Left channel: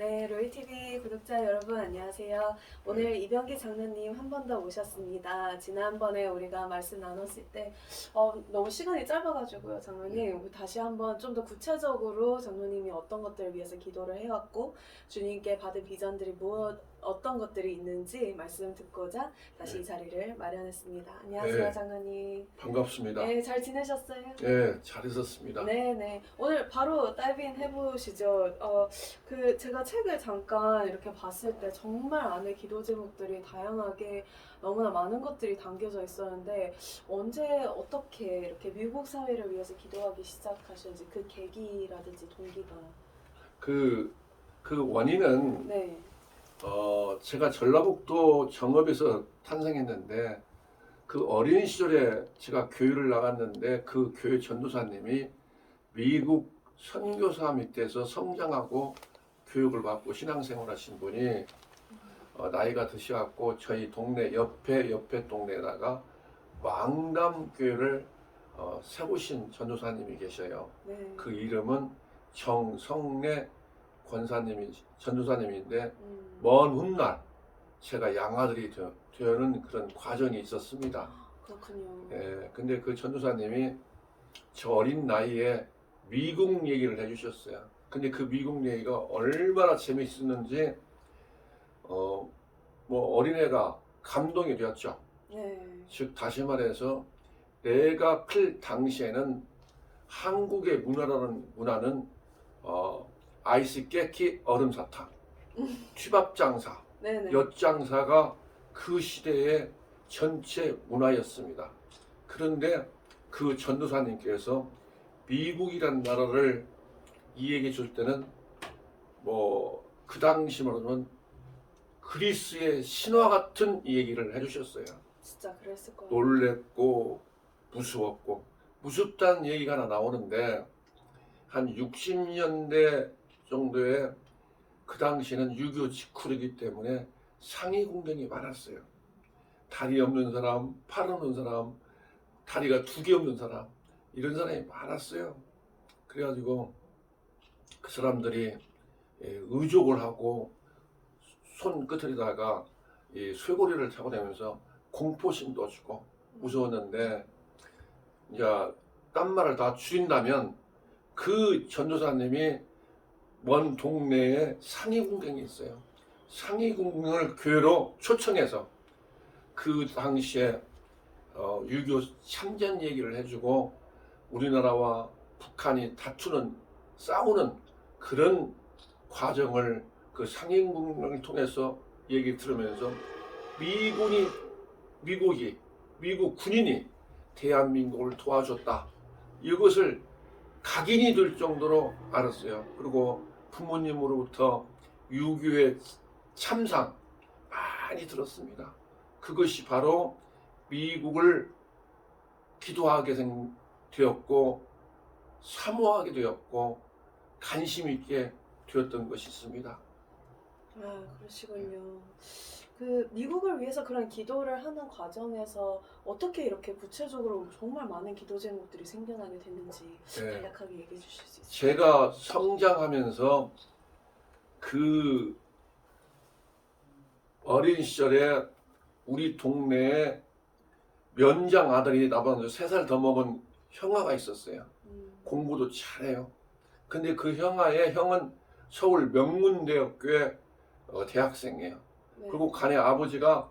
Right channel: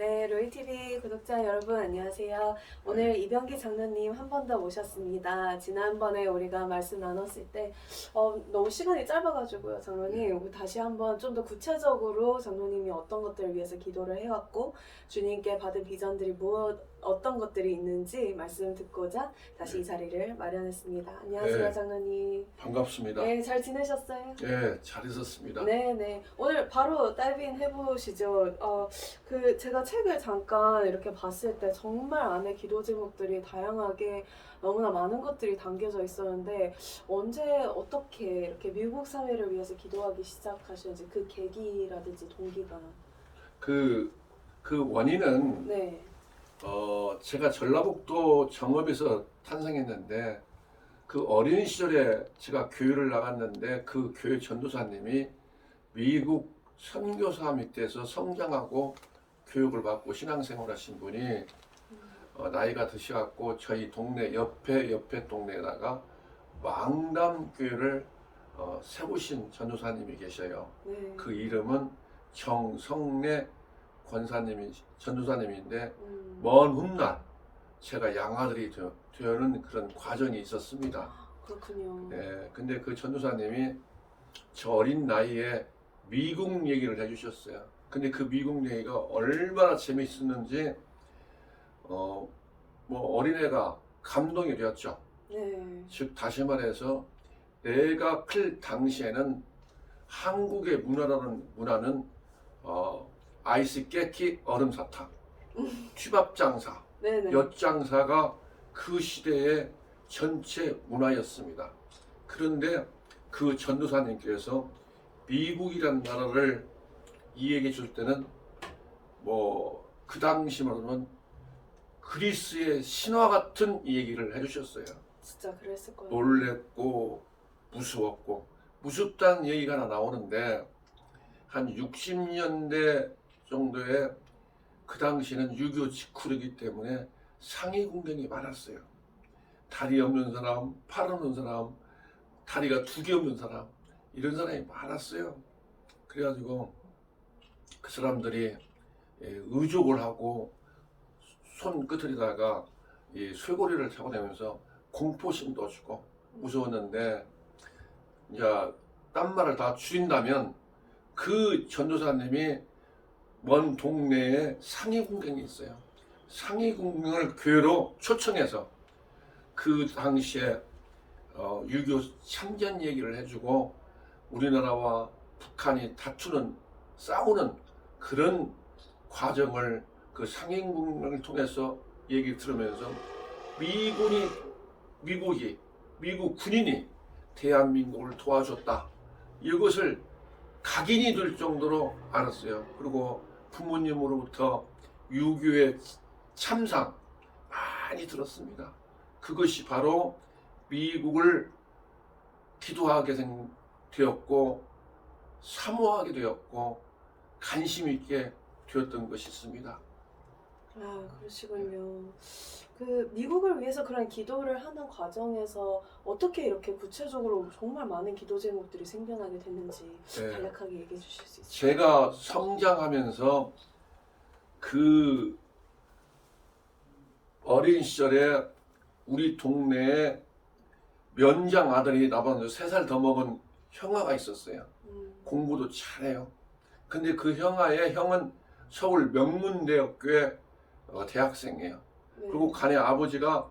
네, 로이TV 구독자 여러분 안녕하세요. 오늘 이병기 장로님 한 번 더 모셨습니다. 지난번에 우리가 말씀 나눴을 때 너무 시간이 짧아가지고요, 장로님. 우리 다시 한번 좀 더 구체적으로 장로님이 어떤 것들을 위해서 기도를 해왔고 주님께 받은 비전들이 어떤 것들이 있는지 말씀 듣고자 다시 이 자리를 마련했습니다. 안녕하세요, 네, 장로님. 반갑습니다. 네, 잘 지내셨어요? 네, 잘 있었습니다. 네네. 오늘 바로 다이빙 해보시죠. 제가 책을 잠깐 이렇게 봤을 때 정말 안에 기도 제목들이 다양하게 너무나 많은 것들이 담겨져 있었는데 언제 어떻게 이렇게 미국 사회를 위해서 기도하기 시작하셨는지 그 계기라든지 동기가. 그, 그 원인은 네. 제가 전라북도 정읍에서 탄생했는데 그 어린 시절에 제가 교회를 나갔는데 그 교회 전도사님이 미국 선교사 밑에서 성장하고 교육을 받고 신앙생활 하신 분이 나이가 드셔갖고 저희 동네 옆에 동네에다가 망담교회를 세우신 전도사님이 계셔요. 네. 그 이름은 정성래 전도사님인데 먼 훗날 제가 양아들이 되는 그런 과정이 있었습니다. 그렇군요. 네, 근데 그 전도사님이 저 어린 나이에 미국 얘기를 해주셨어요. 근데 그 미국 얘기가 얼마나 재미있었는지 뭐 어린애가 감동이 되었죠. 네. 즉 다시 말해서 내가 클 당시에는 한국의 문화는 아이스 깨끼 얼음 사탕, 취밥 장사, 네네. 엿장사가 그 시대의 전체 문화였습니다. 그런데 그 전도사님께서 미국이란 나라를 이야기해 줄 때는 뭐 그 당시 말하면 그리스의 신화 같은 얘기를 해주셨어요. 진짜 그랬을 거예요. 놀랬고 무서웠고 무섭다는 얘기가 하나 나오는데 한 60년대 정도에 그 당시는 6.25 직후이기 때문에 상위 군경이 많았어요. 다리 없는 사람, 팔 없는 사람, 다리가 2개 없는 사람 이런 사람이 많았어요. 그래가지고 그 사람들이 의족을 하고 손끝에다가 이 쇠고리를 잡아내면서 공포심도 주고 무서웠는데 이제 딴 말을 다 줄인다면 그 전도사님이 먼 동네에 상위군경이 있어요. 상위군경을 교회로 초청해서 그 당시에 6.25 참전 얘기를 해주고 우리나라와 북한이 싸우는 그런 과정을 그 상인군을 통해서 얘기 들으면서 미국 군인이 대한민국을 도와줬다. 이것을 각인이 될 정도로 알았어요. 그리고 부모님으로부터 6.25의 참상 많이 들었습니다. 그것이 바로 미국을 기도하게 되었고 사모하게 되었고 관심 있게 되었던 것이 있습니다. 그러시군요. 그 미국을 위해서 그런 기도를 하는 과정에서 어떻게 이렇게 구체적으로 정말 많은 기도 제목들이 생겨나게 됐는지 네. 간략하게 얘기해 주실 수 있어요? 제가 성장하면서 그 어린 시절에 우리 동네에 면장 아들이 나보다 3살 더 먹은 형아가 있었어요. 공부도 잘해요. 근데 그 형은 서울 명문대학교의 대학생이에요. 네. 그리고 간의 아버지가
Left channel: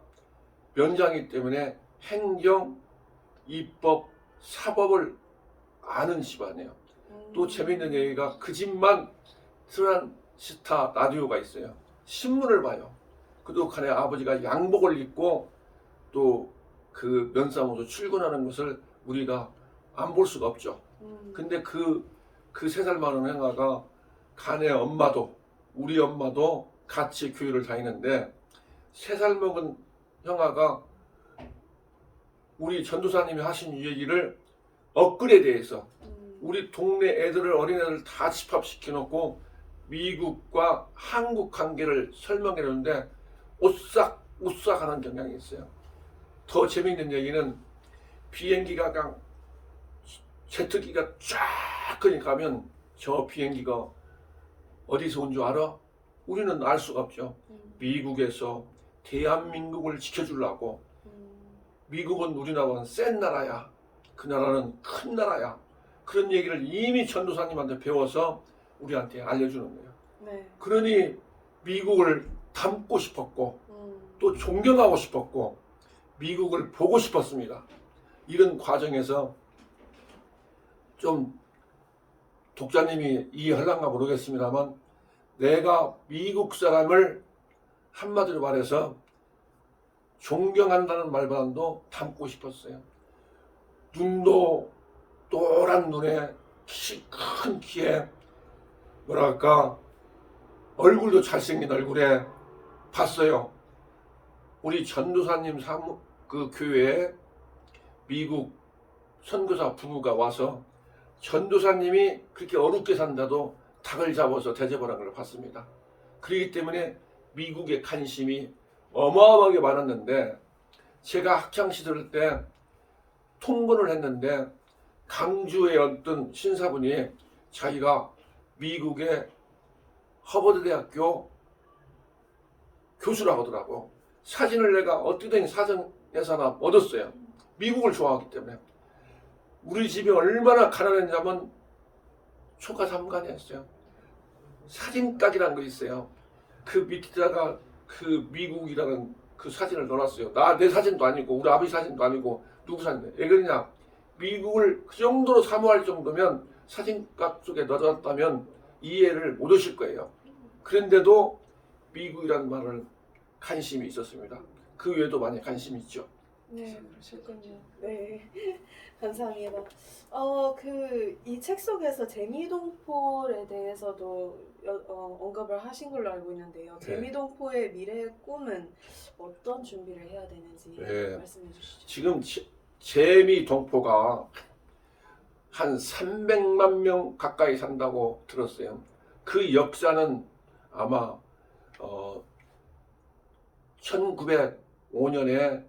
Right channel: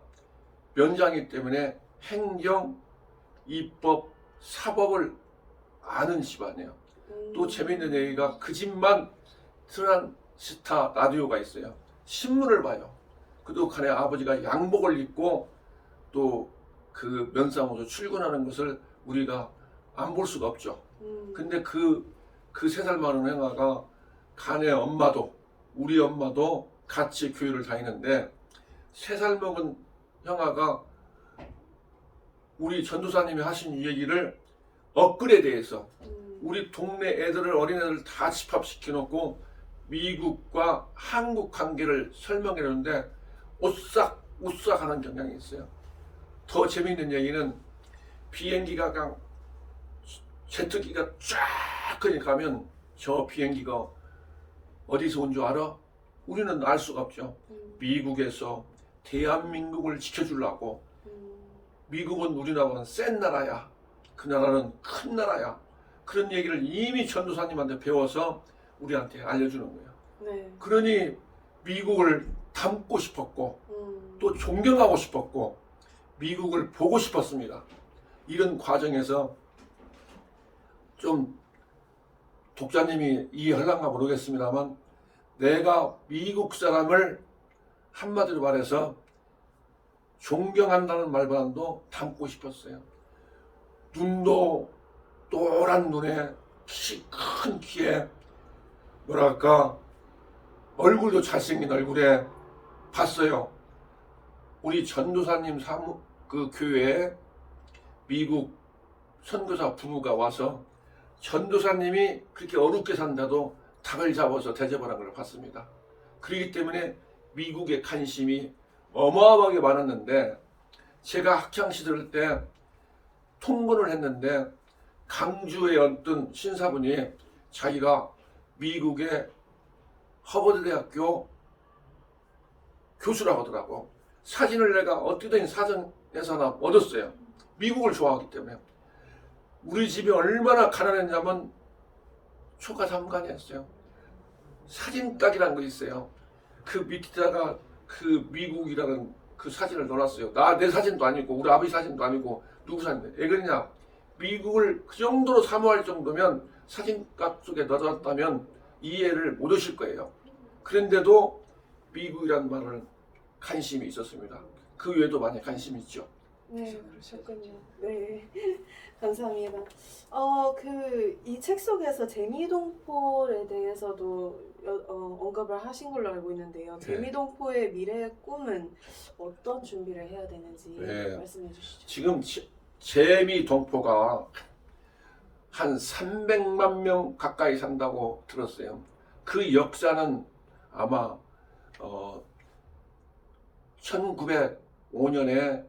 면장이기 때문에 행정, 입법, 사법을 아는 집안이에요. 또 재밌는 얘기가 그 집만 트란시스타 라디오가 있어요. 신문을 봐요. 그도 간의 아버지가 양복을 입고 또 그 면사무소 출근하는 것을 우리가 안 볼 수가 없죠. 근데 그 3살 많은 형아가 간의 엄마도 우리 엄마도 같이 교회를 다니는데 3살 먹은 형아가 우리 전도사님이 하신 얘기를 업글에 대해서 우리 동네 어린애들 다 집합시켜 놓고 미국과 한국 관계를 설명해 놓는데 오싹오싹하는 경향이 있어요. 더 재밌는 얘기는 비행기가 그냥 제트기가 쫙 그냥 가면 저 비행기가 어디서 온 줄 알아? 우리는 알 수가 없죠. 미국에서 대한민국을 지켜주려고 미국은 우리나라는 센 나라야. 그 나라는 큰 나라야. 그런 얘기를 이미 전도사님한테 배워서 우리한테 알려주는 거예요. 네. 그러니 미국을 닮고 싶었고 또 존경하고 싶었고 미국을 보고 싶었습니다. 이런 과정에서 좀 독자님이 이해할란가 모르겠습니다만 내가 미국 사람을 한마디로 말해서 존경한다는 말보다도 닮고 싶었어요. 눈도 노란 눈에 키 큰 키에 뭐랄까 얼굴도 잘생긴 얼굴에 봤어요. 우리 전도사님 그 교회에 미국 선교사 부부가 와서 전도사님이 그렇게 어렵게 산다도 닭을 잡아서 대접하는 걸 봤습니다. 그렇기 때문에 미국의 관심이 어마어마하게 많았는데 제가 학창시절 때 통근을 했는데 강주의 어떤 신사분이 자기가 미국의 하버드 대학교 교수라고 하더라고. 사진을 내가 어떻게든 사전에서 하나 얻었어요. 미국을 좋아하기 때문에. 우리 집이 얼마나 가난했냐면 초가 3간이었어요. 사진각이라는 거 있어요. 그 밑에다가 그 미국이라는 그 사진을 넣어놨어요. 내 사진도 아니고 우리 아버지 사진도 아니고 누구 사진인데 왜 그러냐. 미국을 그 정도로 사모할 정도면 사진각 속에 넣어놨다면 이해를 못 하실 거예요. 그런데도 미국이라는 말을 관심이 있었습니다. 그 외에도 많이 관심이 있죠. 네, 그러셨군요. 네, 감사합니다. 이 책 속에서 재미동폴에 대해서도 언급을 하신 걸로 알고 있는데요. 네. 재미동포의 미래의 꿈은 어떤 준비를 해야 되는지 네. 말씀해 주시죠. 지금 재미동포가 한 300만 명 가까이 산다고 들었어요. 그 역사는 아마 1905년에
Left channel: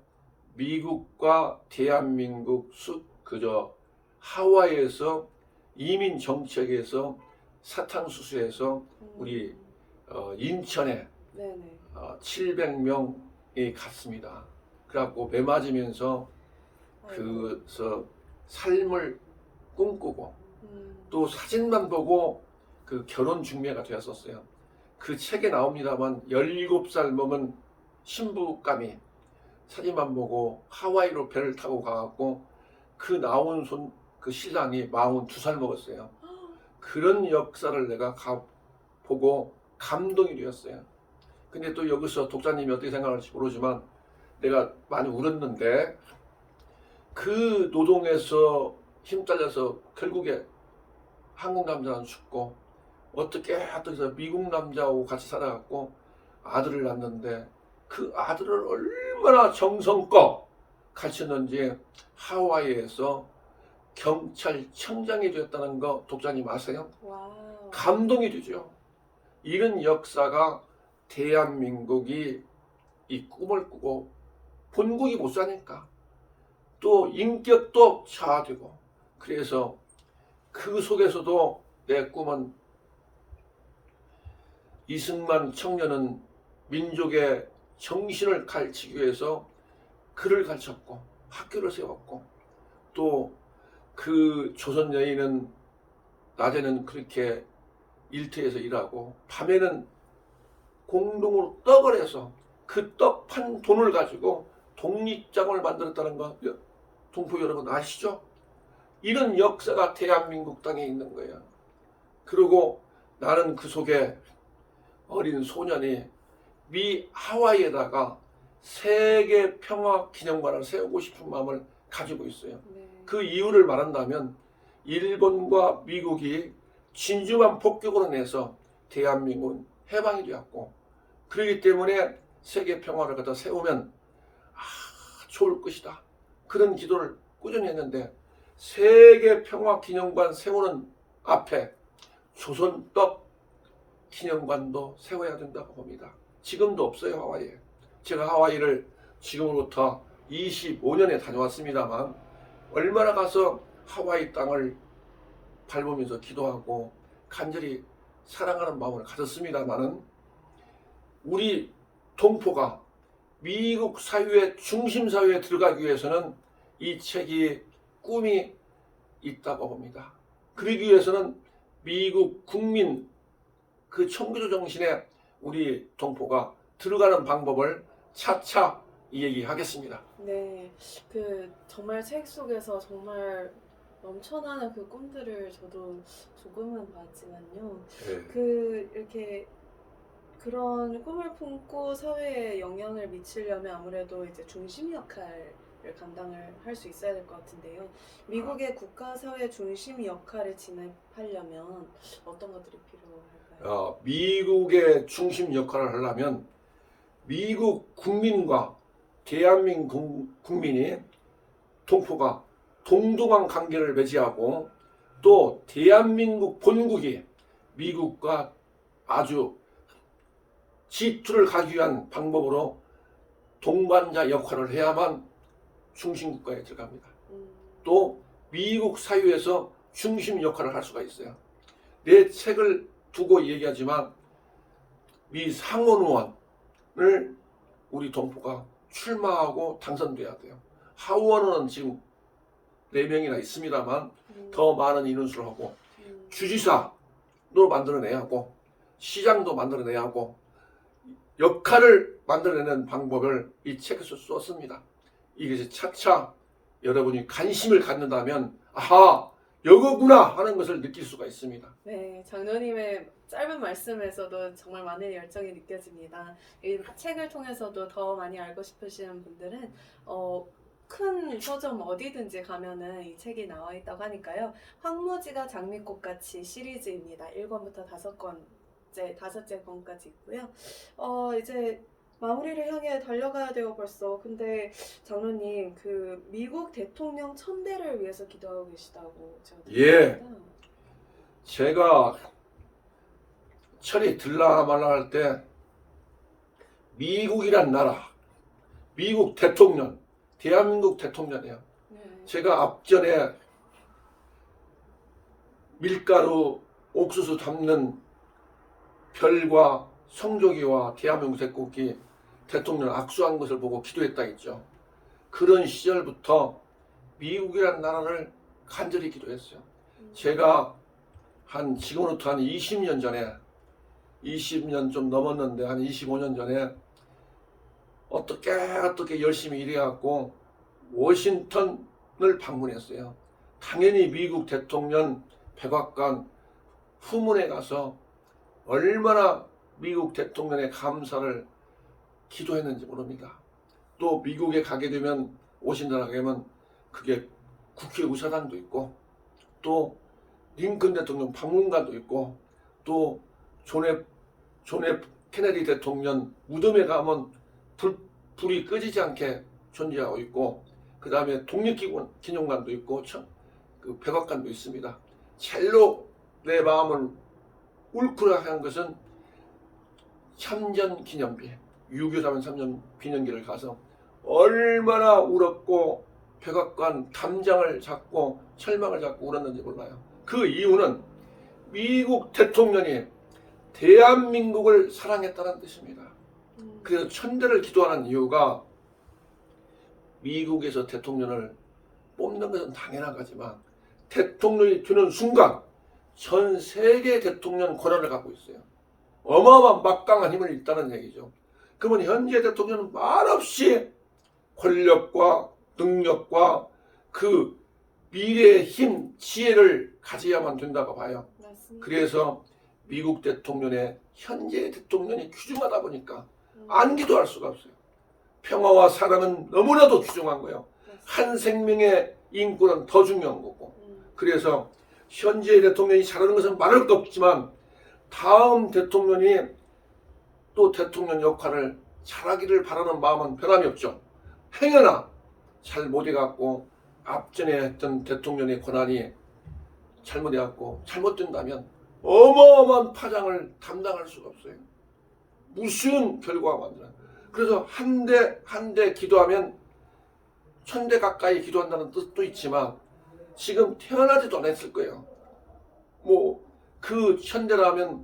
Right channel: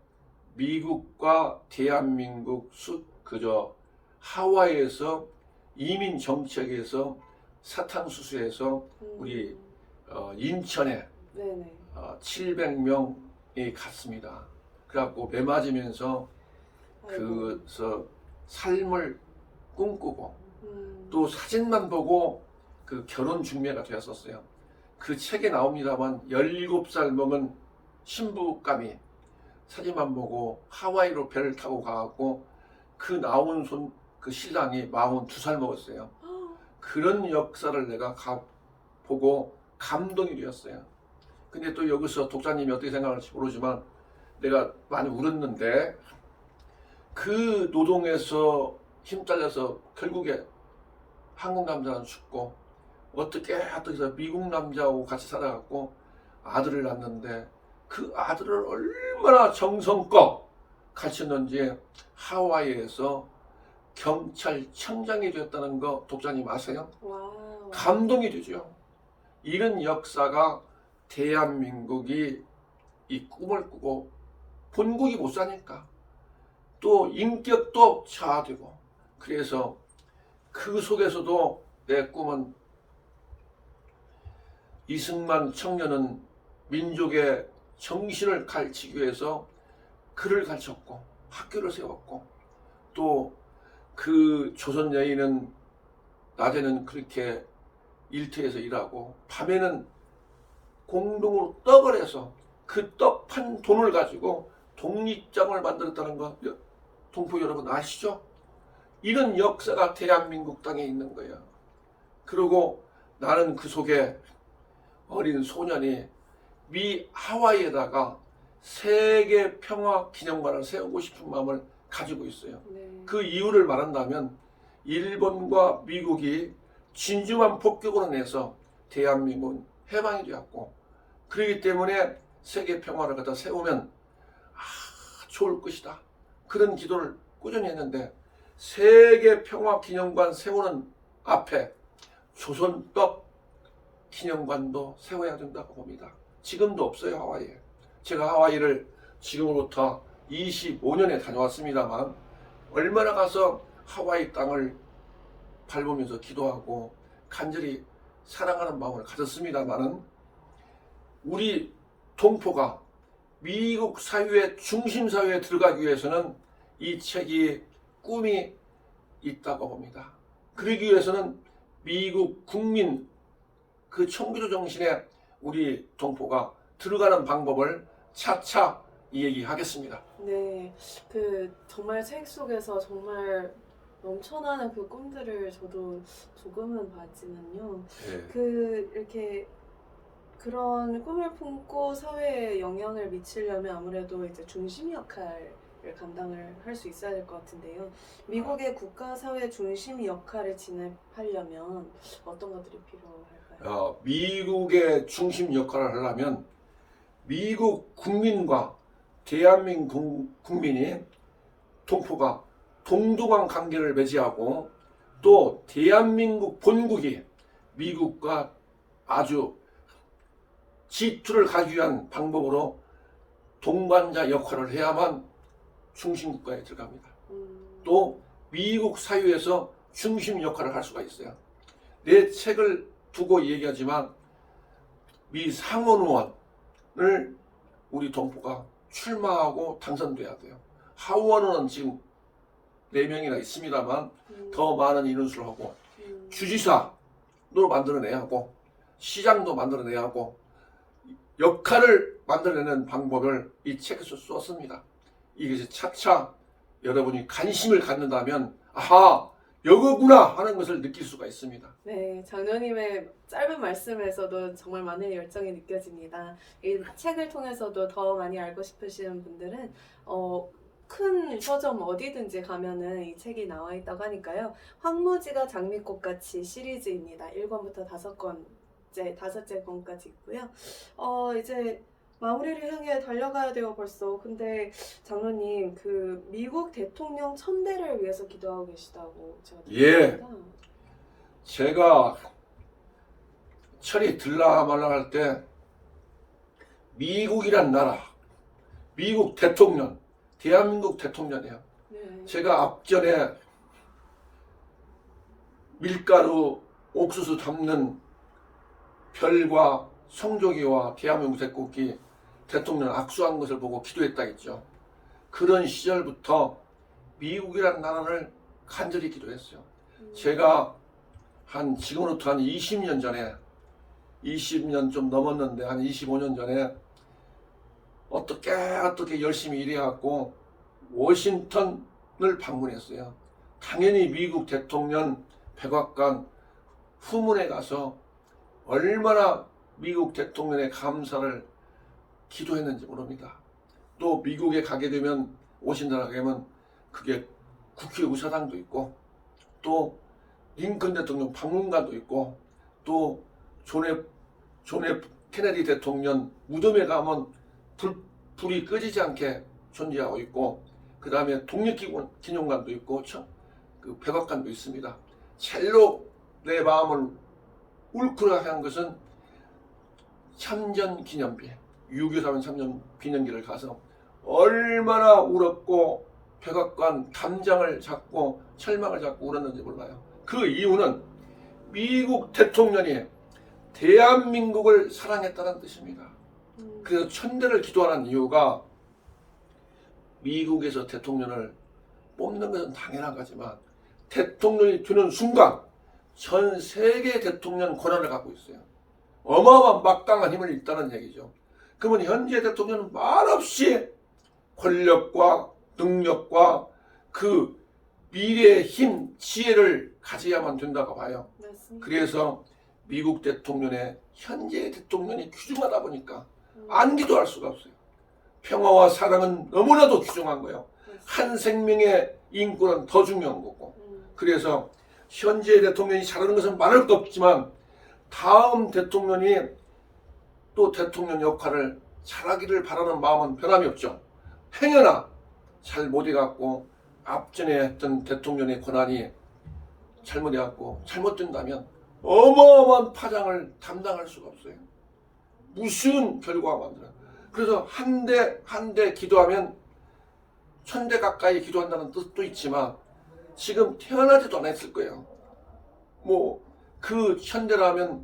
미국과 대한민국 하와이에서 이민 정책에서 사탕수수에서 우리 인천에 네네. 700명이 갔습니다. 그래갖고 매 맞으면서 그래서 삶을 꿈꾸고 또 사진만 보고 그 결혼 중매가 되었었어요. 그 책에 나옵니다만 17살 먹은 신부감이 사진만 보고 하와이로 배를 타고 가갖고 그 나온 그 신랑이 42살 먹었어요. 그런 역사를 내가 보고 감동이 되었어요. 근데 또 여기서 독자님이 어떻게 생각할지 모르지만 내가 많이 울었는데 그 노동에서 힘 딸려서 결국에 한국 남자는 죽고 어떻게 해서 미국 남자하고 같이 살아갖고 아들을 낳는데 그 아들을 얼마나 정성껏 가르쳤는지 하와이에서 경찰청장이 됐다는 거 독자님 아세요? 와우. 감동이 되죠. 이런 역사가 대한민국이 이 꿈을 꾸고 본국이 못 사니까 또 인격도 저하되고 그래서 그 속에서도 내 꿈은 이승만 청년은 민족의 정신을 가르치기 위해서 글을 가르쳤고 학교를 세웠고 또 그 조선 여인은 낮에는 그렇게 일터에서 일하고 밤에는 공동으로 떡을 해서 그 떡 판 돈을 가지고 독립장을 만들었다는 거 동포 여러분 아시죠? 이런 역사가 대한민국 땅에 있는 거예요. 그리고 나는 그 속에 어린 소년이 미 하와이에다가 세계 평화 기념관을 세우고 싶은 마음을 가지고 있어요. 네. 그 이유를 말한다면 일본과 미국이 진주만 폭격으로 내서 대한민국은 해방이 되었고 그렇기 때문에 세계 평화를 갖다 세우면 좋을 것이다. 그런 기도를 꾸준히 했는데 세계 평화 기념관 세우는 앞에 조선떡 기념관도 세워야 된다고 봅니다. 지금도 없어요, 하와이에. 제가 하와이를 지금으로부터 25년에 다녀왔습니다만 얼마나 가서 하와이 땅을 밟으면서 기도하고 간절히 사랑하는 마음을 가졌습니다만은 우리 동포가 미국 사회의 중심 사회에 들어가기 위해서는 이 책이 꿈이 있다고 봅니다. 그러기 위해서는 미국 국민 그 청교도 정신에 우리 동포가 들어가는 방법을 차차 얘기하겠습니다. 네, 그 정말 책 속에서 정말 넘쳐나는 그 꿈들을 저도 조금은 봤지만요. 네. 그 이렇게 그런 꿈을 품고 사회에 영향을 미치려면 아무래도 이제 중심 역할을 감당을 할 수 있어야 될 것 같은데요. 미국의 국가 사회 중심 역할을 진입하려면 어떤 것들이 필요할까요? 미국의 중심 역할을 하려면 미국 국민과 대한민국 국민이 동포가 동등한 관계를 맺이하고 또 대한민국 본국이 미국과 아주 G2를 가기 위한 방법으로 동반자 역할을 해야만 중심국가에 들어갑니다. 또 미국 사회에서 중심 역할을 할 수가 있어요. 내 책을 두고 얘기하지만 미 상원 의원을 우리 동포가 출마하고 당선돼야 돼요. 하원 의원은 지금 4명이나 있습니다만 더 많은 인원수를 하고 주지사도 만들어내야 하고 시장도 만들어내야 하고 역할을 만들어내는 방법을 이 책에서 썼습니다. 이것이 차차 여러분이 관심을 갖는다면 아하 여거구나 하는 것을 느낄 수가 있습니다. 네, 장로님의 짧은 말씀에서도 정말 많은 열정이 느껴집니다. 이 책을 통해서도 더 많이 알고 싶으신 분들은 큰 서점 어디든지 가면은 이 책이 나와 있다고 하니까요. 황무지가 장미꽃같이 시리즈입니다. 1권부터 5권째 권까지 있고요. 이제 마무리를 향해 달려가야 돼요, 벌써. 근데 장로님, 그 미국 대통령 천대를 위해서 기도하고 계시다고 제가 들었습니다. 제가 철이 들라 말라 할 때 미국이란 나라, 미국 대통령, 대한민국 대통령이야. 네. 제가 앞전에 밀가루, 옥수수 담는 별과 성조기와 대한민국 대국기 대통령 악수한 것을 보고 기도했다겠죠. 그런 시절부터 미국이란 나라를 간절히 기도했어요. 제가 지금으로부터 한 20년 전에 20년 좀 넘었는데 한 25년 전에 어떻게 열심히 일해갖고 워싱턴을 방문했어요. 당연히 미국 대통령 백악관 후문에 가서 얼마나 미국 대통령의 감사를 기도했는지 모릅니다. 또 미국에 가게 되면 오신다고 하면 그게 국회의사당도 있고 또 링컨 대통령 박물관도 있고 또 존 F 케네디 대통령 무덤에 가면 불이 꺼지지 않게 존재하고 있고 그 다음에 독립기념관도 있고 그 백악관도 있습니다. 젤로 내 마음을 울크라 한 것은 참전기념비 6.25 참전기념비를 가서 얼마나 울었고 백악관 담장을 잡고 철망을 잡고 울었는지 몰라요. 그 이유는 미국 대통령이 대한민국을 사랑했다는 뜻입니다. 그래서 천대를 기도하는 이유가 미국에서 대통령을 뽑는 것은 당연한 거지만 대통령이 되는 순간 전 세계 대통령 권한을 갖고 있어요. 어마어마한 막강한 힘을 있다는 얘기죠. 그러면 현재 대통령은 말없이 권력과 능력과 그 미래의 힘, 지혜를 가져야만 된다고 봐요. 맞습니다. 그래서 미국 대통령의 현재 대통령이 귀중하다 보니까 안 기도할 수가 없어요. 평화와 사랑은 너무나도 귀중한 거예요. 한 생명의 인권은 더 중요한 거고. 그래서 현재 대통령이 잘하는 것은 말할 것 없지만 다음 대통령이 또 대통령 역할을 잘하기를 바라는 마음은 변함이 없죠. 행여나 잘 못해갖고 앞전에 했던 대통령의 권한이 잘못해갖고 잘못된다면 어마어마한 파장을 감당할 수가 없어요. 무슨 결과가 만들어요. 그래서 한 대 기도하면 1000대 가까이 기도한다는 뜻도 있지만 지금 태어나지도 않았을 거예요. 뭐 그 1000대라면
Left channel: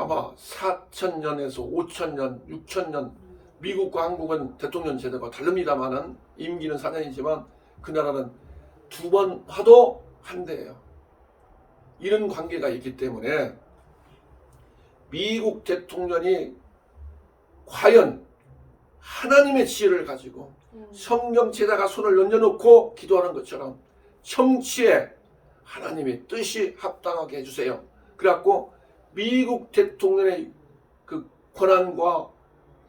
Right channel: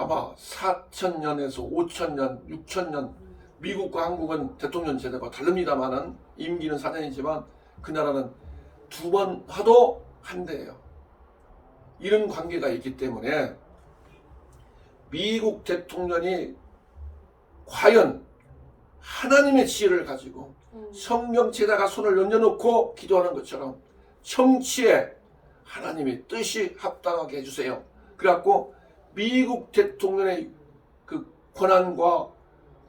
아마 4,000년에서 5,000년, 6,000년 미국과 한국은 대통령 제도가 다릅니다만은 임기는 4년이지만 그 나라는 2번 하도 한대예요. 이런 관계가 있기 때문에 미국 대통령이 과연 하나님의 지혜를 가지고 성경책에다가 손을 얹어놓고 기도하는 것처럼 청취에 하나님의 뜻이 합당하게 해주세요. 그래갖고 미국 대통령의 그 권한과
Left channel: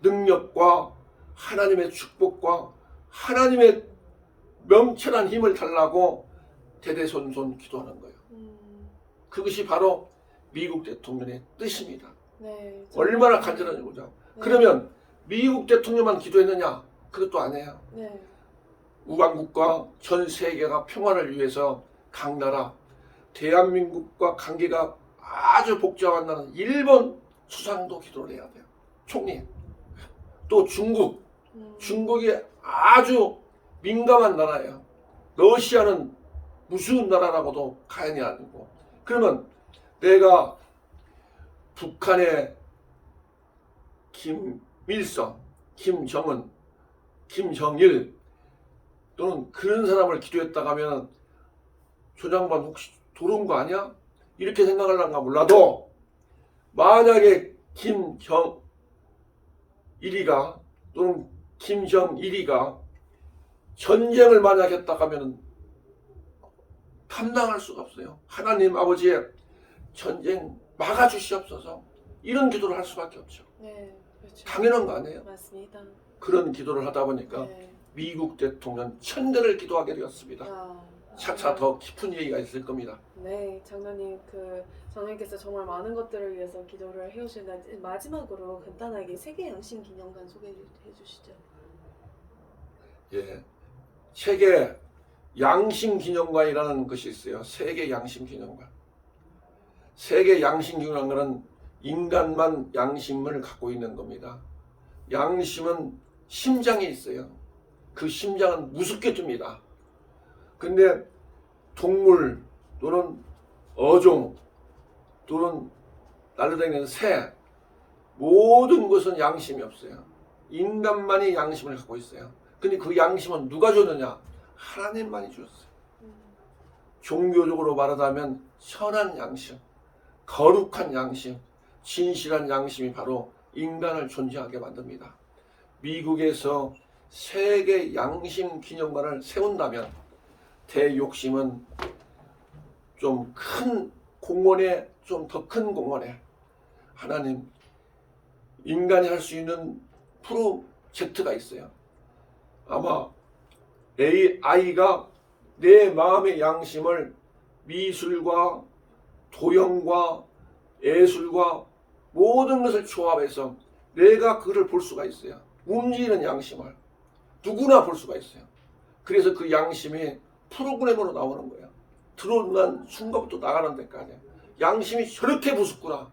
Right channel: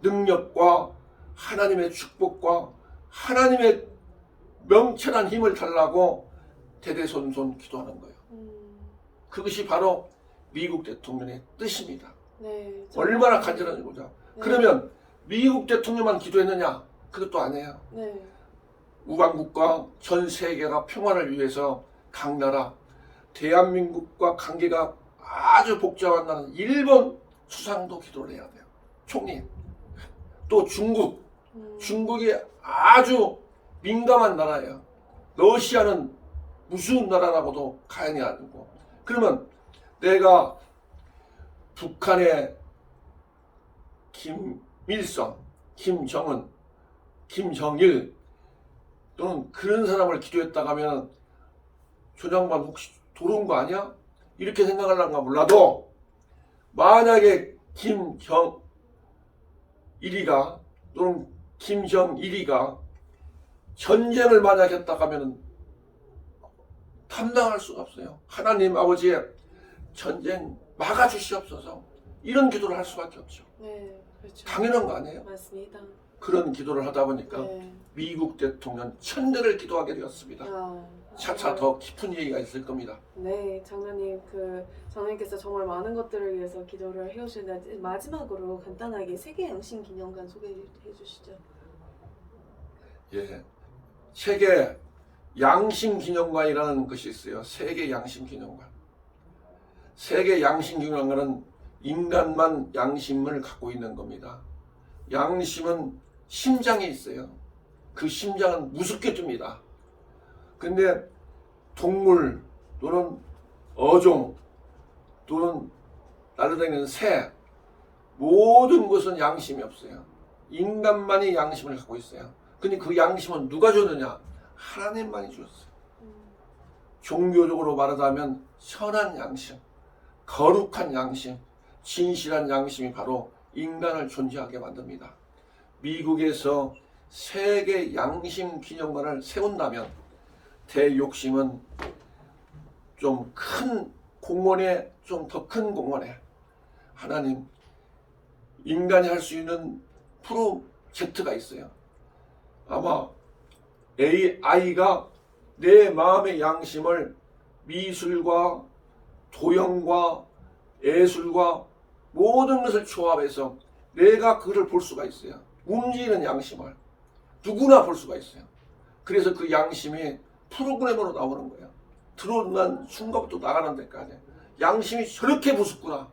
능력과 하나님의 축복과 하나님의 명철한 힘을 달라고 대대손손 기도하는 거예요. 그것이 바로 미국 대통령의 뜻입니다. 네, 얼마나 간절한지 보죠. 네. 그러면 미국 대통령만 기도했느냐? 그것도 아니에요. 네. 우방국과 전 세계가 평화를 위해서 각 나라, 대한민국과 관계가 아주 복잡한 나라는 일본 수상도 기도를 해야 돼요. 총리. 또 중국. 중국이 아주 민감한 나라예요. 러시아는 무슨 나라라고도 가연이 아니고. 그러면 내가 북한의 김일성, 김정은, 김정일 또는 그런 사람을 기도했다가 하면 조장관 혹시 도른 거 아니야? 이렇게 생각하려는가 몰라도 만약에 김정일이가 또는 김정일이가 전쟁을 만약 했다가 하면 감당할 수가 없어요. 하나님 아버지의 전쟁 막아주시옵소서. 이런 기도를 할 수밖에 없죠. 네, 그렇죠. 당연한 거 아니에요? 맞습니다. 그런 기도를 하다 보니까 네. 미국 대통령 천대를 기도하게 되었습니다. 아, 차차 더 깊은 얘기가 있을 겁니다. 네, 장로님 장로님께서 정말 많은 것들을 위해서 기도를 해오시는데 마지막으로 간단하게 세계 양심 기념관 소개해 주시죠. 예, 세계 양심 기념관이라는 것이 있어요. 세계 양심 기념관. 세계 양심 기념관은 인간만 양심을 갖고 있는 겁니다. 양심은 심장에 있어요. 그 심장은 무섭게 둡니다. 근데 동물 또는 어종 또는 날아다니는 새 모든 것은 양심이 없어요. 인간만이 양심을 갖고 있어요. 근데 그 양심은 누가 줬느냐? 하나님만이 주었어요. 종교적으로 말하자면 선한 양심, 거룩한 양심, 진실한 양심이 바로 인간을 존재하게 만듭니다. 미국에서 세계 양심 기념관을 세운다면 대욕심은 좀 큰 공원에, 좀 더 큰 공원에 하나님, 인간이 할 수 있는 프로젝트가 있어요. 아마 AI가 내 마음의 양심을 미술과 도형과 예술과 모든 것을 조합해서 내가 그를 볼 수가 있어요. 움직이는 양심을 누구나 볼 수가 있어요. 그래서 그 양심이 프로그램으로 나오는 거예요. 들어오는 순간부터 나가는 데까지 양심이 저렇게 무섭구나.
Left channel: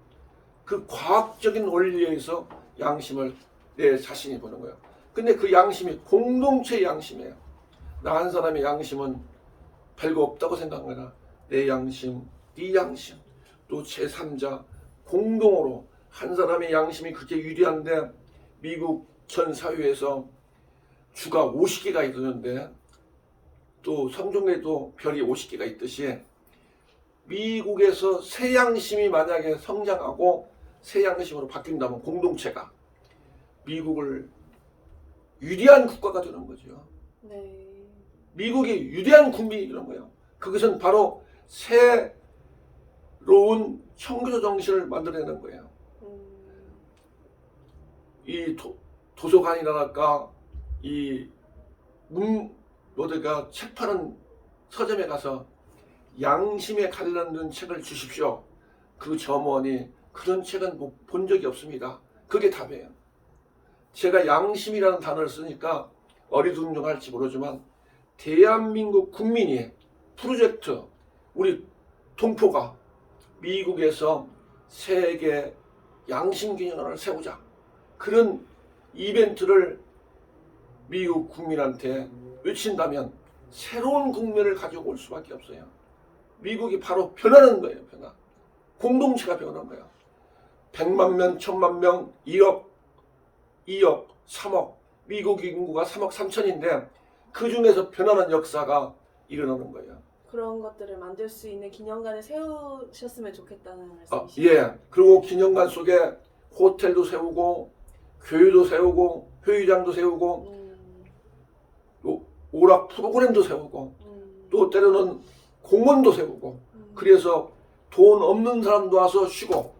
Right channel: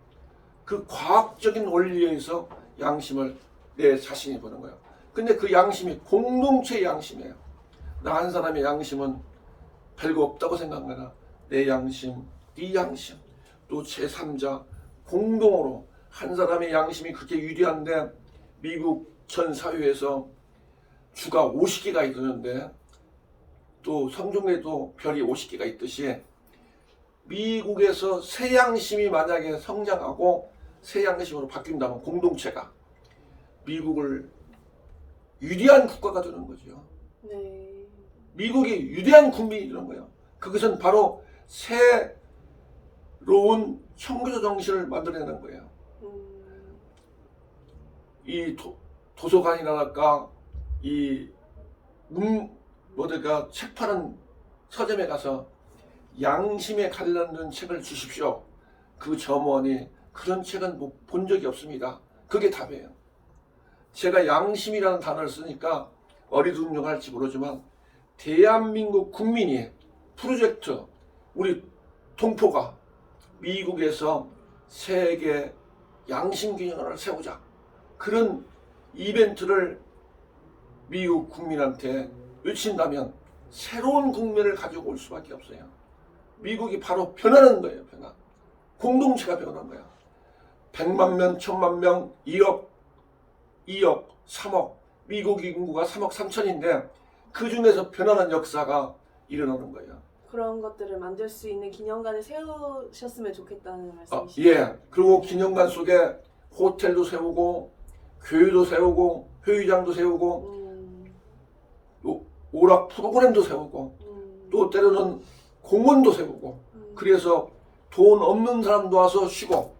그 과학적인 원리에 의해서 양심을 내 자신이 보는 거예요. 근데 그 양심이 공동체의 양심이에요. 나 한 사람의 양심은 별거 없다고 생각하나 내 양심, 네 양심, 또 제3자 공동으로 한 사람의 양심이 그렇게 유리한데 미국 전 사회에서 주가 50개가 있었는데 또 성종에도 별이 50개가 있듯이 미국에서 새 양심이 만약에 성장하고 새 양심으로 바뀐다면 공동체가 미국을 유리한 국가가 되는 거죠. 네. 미국이 유리한 국민이 되는 거예요. 그것은 바로 새로운 청교도 정신을 만들어내는 거예요. 이 도서관이랄까 이 책 파는 서점에 가서 양심에 관련된 책을 주십시오. 그 점원이 그런 책은 뭐 본 적이 없습니다. 그게 답이에요. 제가 양심이라는 단어를 쓰니까 어리둥절할지 모르지만 대한민국 국민이 프로젝트 우리 동포가 미국에서 세계 양심기념관을 세우자 그런 이벤트를 미국 국민한테 외친다면 새로운 국면을 가지고 올 수밖에 없어요. 미국이 바로 변하는 거예요. 변화. 공동체가 변하는 거예요. 100만 명, 1000만 명, 1억, 2억, 3억, 미국 인구가 3억 3천인데 그 중에서 변하는 역사가 일어나는 거예요. 그런 것들을 만들 수 있는 기념관을 세우셨으면 좋겠다는 말씀이시죠? 예. 그리고 기념관 속에 호텔도 세우고 교회도 세우고 회의장도 세우고 또 오락 프로그램도 세우고 또 때로는 공원도 세우고 그래서 돈 없는 사람도 와서 쉬고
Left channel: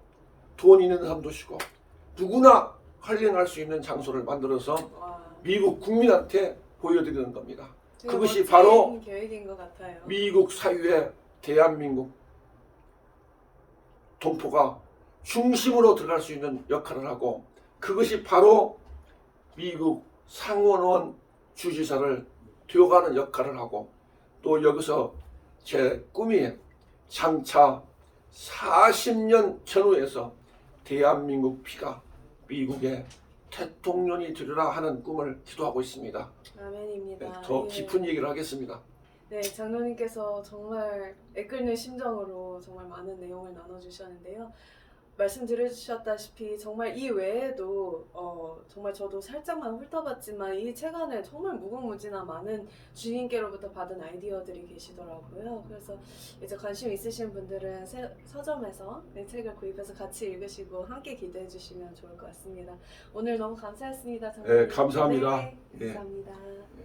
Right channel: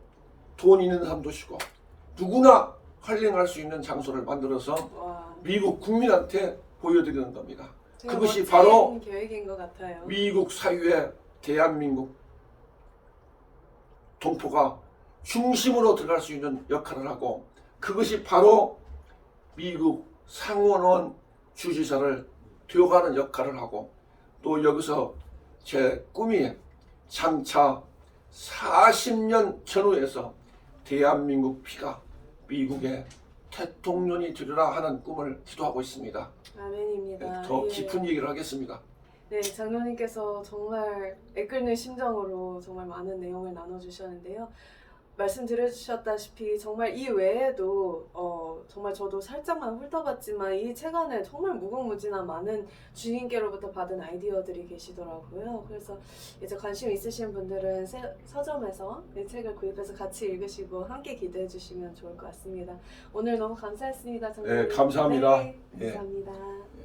돈 있는 사람도 쉬고 누구나 힐링할 수 있는 장소를 만들어서 와, 미국 국민한테 보여드리는 겁니다. 되게 그것이 멋진 바로 계획인 것 같아요. 미국 사회의 대한민국 동포가 중심으로 들어갈 수 있는 역할을 하고 그것이 바로 미국 상원원 주지사를 되어가는 역할을 하고 또 여기서 제 꿈이 장차 40년 전후에서 대한민국 피가 미국의 대통령이 되리라 하는 꿈을 기도하고 있습니다. 아멘입니다. 더 예. 깊은 얘기를 하겠습니다. 네, 장로님께서 정말 애끓는 심정으로 정말 많은 내용을 나눠주셨는데요. 말씀 들으셨다시피 정말 이 외에도 정말 저도 살짝만 훑어봤지만 이 책 안에 정말 무궁무진한 많은 주님께로부터 받은 아이디어들이 계시더라고요. 그래서 이제 관심 있으신 분들은 서점에서 이 책을 구입해서 같이 읽으시고 함께 기도해 주시면 좋을 것 같습니다. 오늘 너무 감사했습니다, 장로님. 네, 감사합니다. 네, 예. 감사합니다. 예.